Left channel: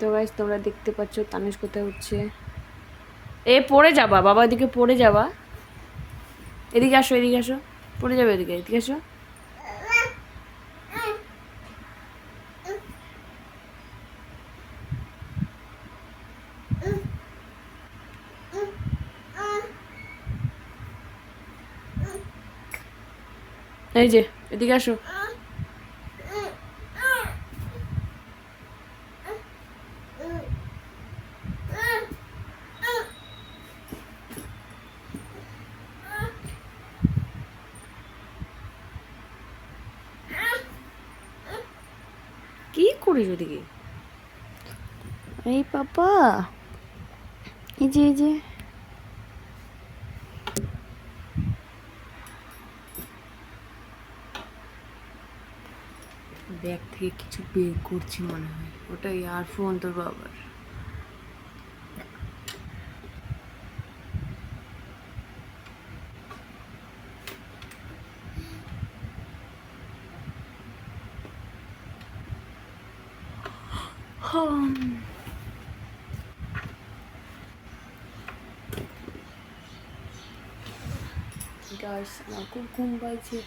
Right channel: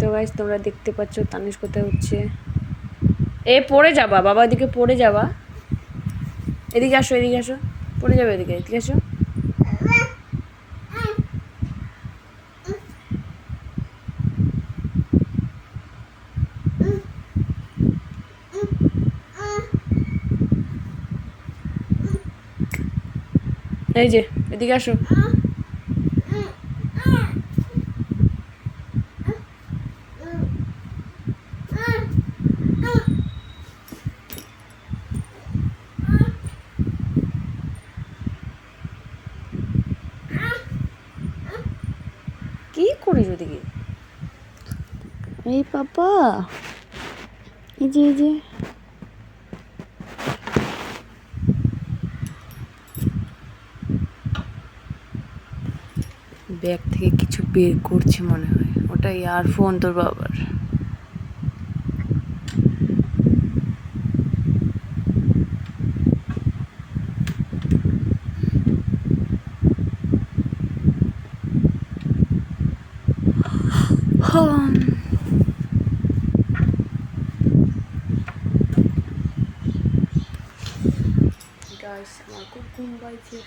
তো গাইস তোমরা দেখতে পাচ্ছ তানিশ কোথায় হচ্ছে। এ পড়ে যাবা বাবা, এদিকে পড়ে যাবা, এদিকে আসো, এদিকে আসো, পড়ে যাবে, এদিকে এদিকে আসো। এই যে এদিকে আসো। কি করিস ওদিকে? এই পাপা, এই যে এই যে ব্যাগ থেকে কিছু বের করছে মনে হয়, ওটা ইয়ারফোন তোর বাবার। গাইস আমার খুব ঘুম পাইছে।